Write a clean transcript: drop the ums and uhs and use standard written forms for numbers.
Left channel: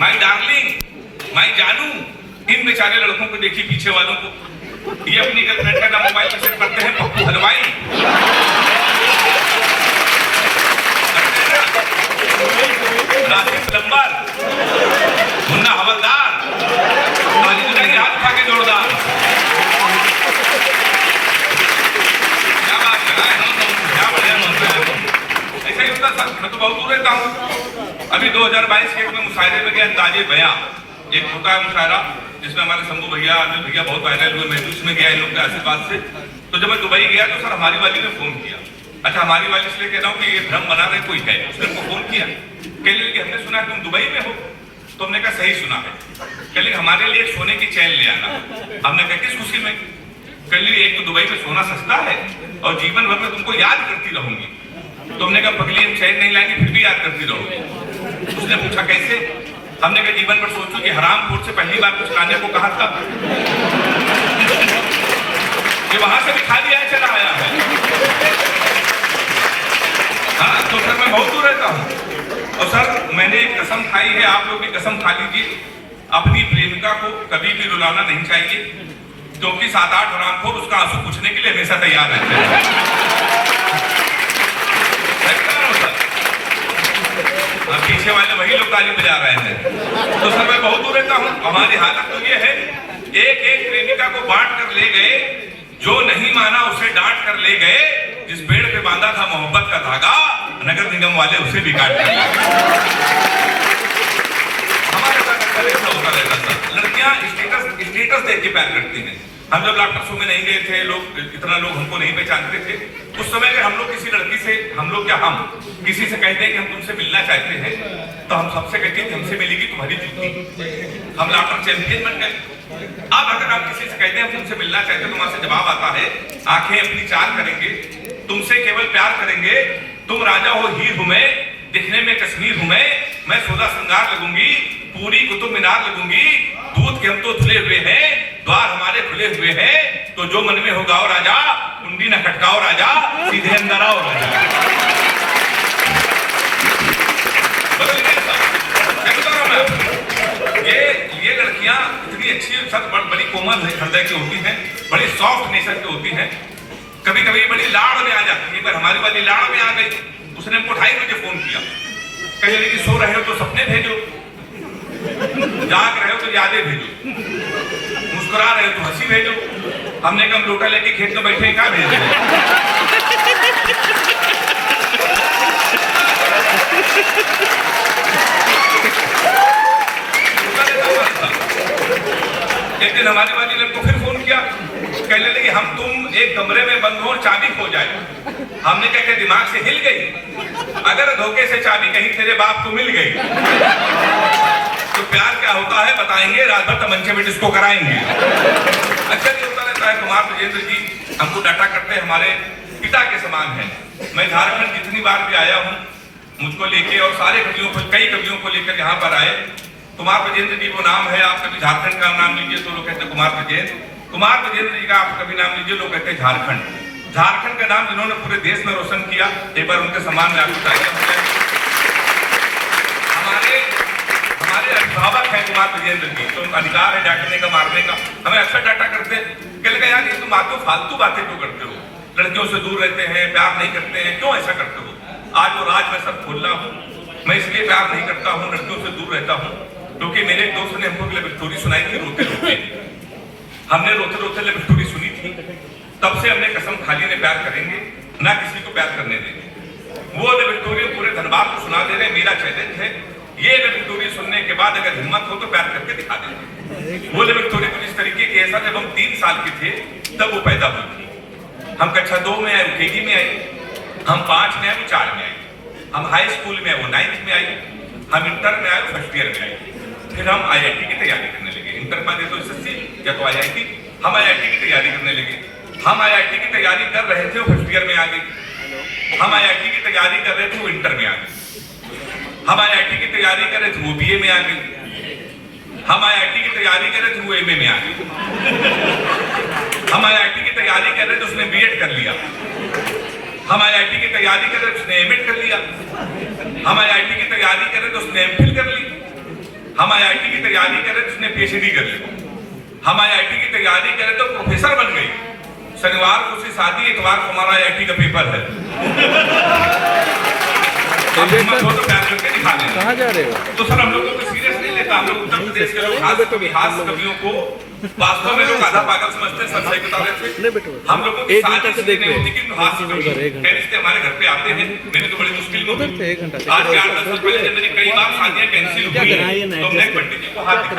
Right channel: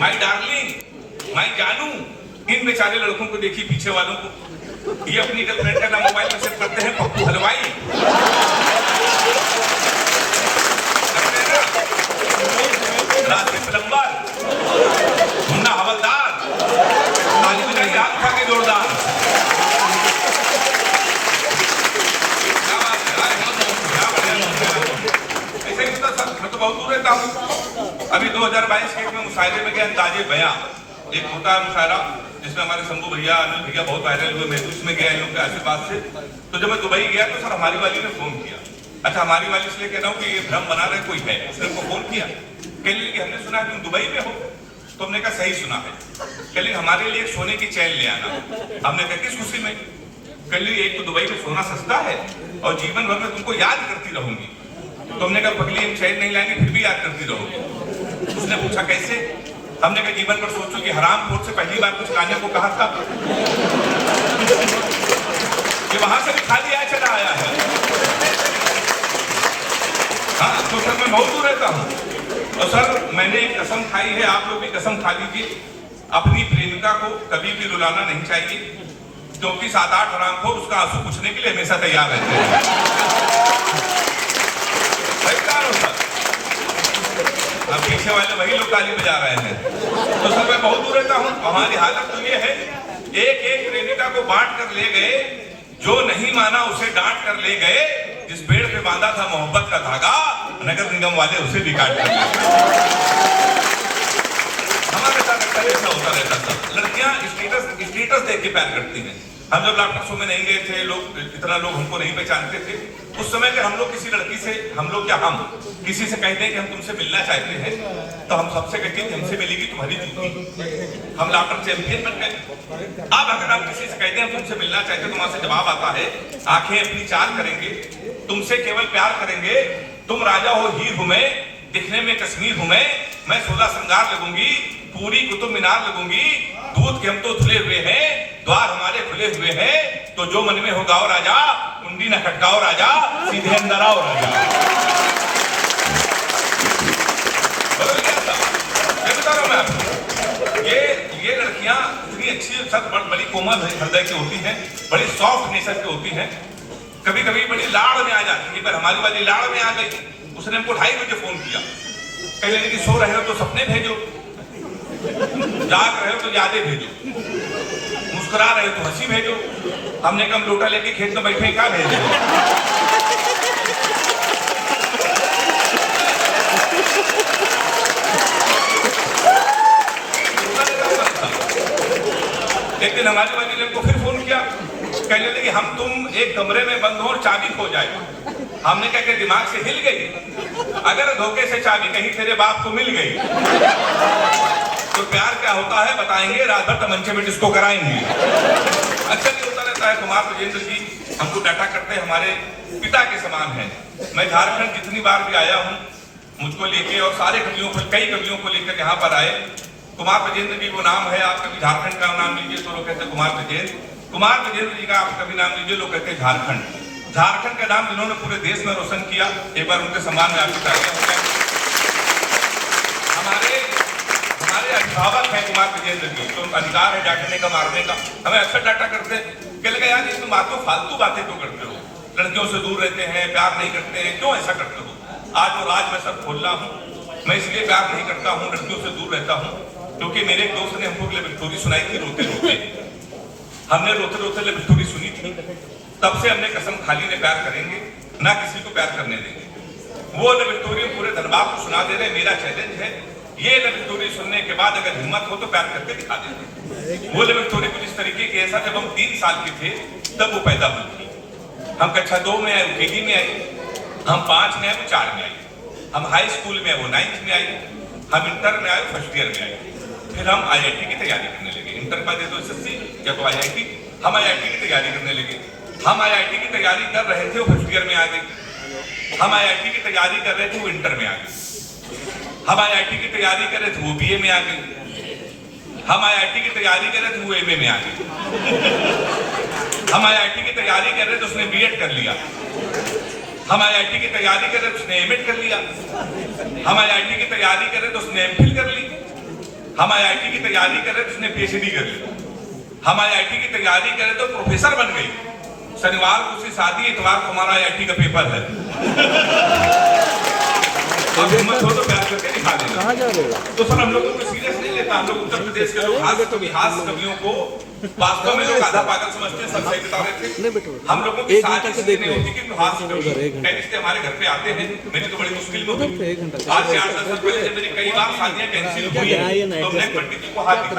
My darling, माई जानू, इन बेचारे लड़कों को देखिए पीछे वालों को, ये अपनी गर्लफ्रेंड का नाम मोबाइल में सेव करते हैं पप्पू हलवाई, राशिद प्लम्बर, मुन्ना हवलदार, ताली बजाई हाथ उठा के जोरदार। क्या बात है, क्या बढ़िया ऐसे ही होता सर। मैं तो बहुत दूर रहता हूँ। अभी 2022 के में मुशायरे में गया अंदाजे बयां, एक होता है मुशायरा जिसमें हमारे शंभू भैया अनिल भैया बहुत वायरल हुए, मैं उसमें गया इन लोग के आशीर्वाद से। तो जब मैं दुबई गया तो सर हमारी वाली ने फोन किया। अच्छा हमारी वाली इसलिए कह रहा हूँ कि ये भ्रम बना रहे कोई है, उसने हमको फोन किया, कह लिए कि हमने सुना तुम दुबई में हो। तो हमने कहा सही सुना है। कह लिए हमारे लिए सोने की चैन ले आना। हमने कहा किस खुशी में? कह लिए एक तो दुबई में सोना सस्ता है और जीवन भर में तुमको याद करती रहूंगी। तो हमने कहा पगली हम चैन नहीं लाएंगे फिर भी याद करती रहोगी। उसने पूछा कैसे? हमने कहा जीवन भर सोचो कि हराम खोर से पहली बार कुछ लाने को कहा था, ये वहां से भी खाली आया चला आया है। हाँ तो सर मैं बहुत दूर रहता हूँ और सर मैंने एक कसम खाई है, आप लोग भी कसम खा लीजिए, अपनी प्रेमिका को कभी भी रुलाना नहीं चाहिए, क्योंकि 7-8 हरामखोर उसका आंसू पूछने के लिए हमेशा तैयार रहते हैं। अब पीछे वाले वही लोग ताली बजा रहे हैं। तो सर मैं बहुत दूर रहता हूँ। हमारी हालत तो ये है, एक एक प्रेमिका को बांट कर ले गए, जो नहीं माना उसे डांट कर ले गए, जिस पेड़ पे बांधा था मोहब्बत का धागा नगर निगम वाले उसे भी काट कर ले गए। हमारे साथ अक्सर ऐसा होता रहता था। लड़कियां स्टेटस देख के प्यार करती हैं। हम जब लाफ्टर शो में नहीं गए थे, लोग इतना लोग हमको नहीं पहचानते थे, उस समय अगर हम लोग किसी लड़की से, हम लोग क्या हम किसी से कहते हैं कि हम तुमसे मिलना चाहते हैं, तो हम सबसे कहते हैं कि हमसे मिलेगी तुम्हारी जूती। हम लाफ्टर चैंपियन बन गए। अब अगर हम किसी से कहते हैं हम तुमसे मिलना चाहते हैं, तो वहां से जवाब आता है, आंखें अपनी चार करेंगे, तुमसे केवल प्यार करेंगे, तुम राजा हो हीर हूं मैं, दिखने में कश्मीर हूं मैं 16 श्रृंगार लगूंगी, पूरी कुतुब मीनार लगूंगी, दूध के हम तो धुले हुए हैं, द्वार हमारे खुले हुए हैं, तो जो मन में हो गाओ राजा, कुंडी न खटकाओ राजा, सीधे अंदर आओ राजा। बदल गया था, क्या बता रहा हूं मैं आपको? ये लड़कियां इतनी अच्छी सर बड़ी कोमल हृदय की होती हैं, बड़ी सॉफ्ट नेचर की होती हैं, कभी कभी बड़ी लाड़ में आ जाती है। पर हमारी वाली लाड़ में आ गई, उसने हमको 2:30 बजे फोन किया, कह कि सो रहे हो तो सपने भेजो, जाग रहे हो तो यादें भेजो, मुस्कुरा रहे हो तो हंसी भेजो। हमने कम लोटा लेके खेत में बैठे क्या भेजे? एक दिन हमारी वाली ने हमको फिर फोन किया, कहने लगी हम तुम एक कमरे में बंद हो और चाबी खो जाए। हमने कहा कि दिमाग से हिल गई, अगर धोखे से चाबी कहीं तेरे बाप को मिल गई तो प्यार क्या होता है बताएंगे, रात भर तमंचे में डिस्को कराएंगे। अच्छा नहीं होता रहता है। कुमार विजेंद्र जी हमको डाटा करते हैं, हमारे पिता के समान है। मैं झारखंड जितनी बार भी आया हूँ, मुझको लेके और सारे कवियों को, कई कवियों को लेकर यहाँ पर आए। कुमार विजेंद्र जी वो नाम है, आप कभी झारखंड का नाम लीजिए तो लोग कहते हैं कुमार विजेंद्र, कुमार विजेंद्र जी का आप कभी नाम लीजिए लोग कहते हैं झारखंड। झारखंड का नाम जिन्होंने पूरे देश में रोशन किया, एक बार उनके सम्मान में आपको तालियां हो जाए। हमारे अभिभावक हैं कुमार विजेंद्र जी, तो अधिकार है डांटने का, मारने का। हमें अक्सर डांटा करते हैं, कह लगा यार ये तुम फालतू बातें क्यों करते हो, लड़कियों से दूर रहते हैं, प्यार नहीं करते हैं, क्यों ऐसा करते हो? आज वो राज मैं सब खोल रहा हूँ। मैं इसलिए प्यार नहीं करता हूँ, लड़कियों से दूर रहता हूँ, क्योंकि मेरे एक दोस्त ने हमको लव स्टोरी सुनाई थी रोते रोते। हमने रोते रोते लव स्टोरी सुनी थी, तब से हमने कसम खाली ने प्यार करेंगे, ना किसी को प्यार करने देंगे। वो लव स्टोरी पूरे धनबाद को सुना दे रहे। मेरा चैलेंज है, ये लव स्टोरी सुनने के बाद अगर हिम्मत हो तो प्यार करके दिखा देना। वो लव स्टोरी कुछ इस तरीके की, ऐसा जब हम 3 साल के थे तब वो पैदा हुई थी। हम कक्षा 2 में आए, वो KG में आई, हम 5 में आए, वो 4 में आई, हम हाई स्कूल में आए, वो 9th में आई, हम इंटर में आए, फर्स्ट ईयर में आई। फिर हम IIT की तैयारी करने लगे। इंटर का दे तो SSC या तो IIT, हम IIT की तैयारी करने लगे। हम IIT की तैयारी कर रहे थे, वो फर्स्ट ईयर में आ गई। हम IIT की तैयारी कर रहे थे, वो इंटर में आ गई। हम IIT की तैयारी कर रहे थे, वो BA में आ गई। हम IIT की तैयारी कर रहे थे, वो MA में आ गई। हम IIT की तैयारी कर रहे थे, उसने B.Ed कर लिया। हम IIT की तैयारी कर रहे थे, उसने M.Ed कर लिया। हम IIT की तैयारी कर रहे थे, उसने MPhil कर ली। हम आईआईटी की तैयारी करें तो उसने पीएचडी कर ली, हम आईआईटी की तैयारी करें तो प्रोफेसर बन गई। शनिवार को उसकी शादी, इतवार को हमारा आईआईटी का पेपर है। हिम्मत हो तो प्यार करके दिखा लेना। कहाँ जा रहे हो? तो सर हम लोग को सीरियस नहीं लेता। हम लोग उत्तर प्रदेश के लोग हास्य कवियों को वास्तव में लोग आधा पागल समझते हैं। सब सही बता रहे थे। हम लोगों की शादी इसलिए नहीं होती कि हास्य कवि रिश्ते हमारे घर पे आते हैं। मैंने तो बड़ी मुश्किल में आज से 8-10 साल पहले जब मेरी कई बार शादियां कैंसिल हुई तो मैं पंडित जी को हाथ दिखाया।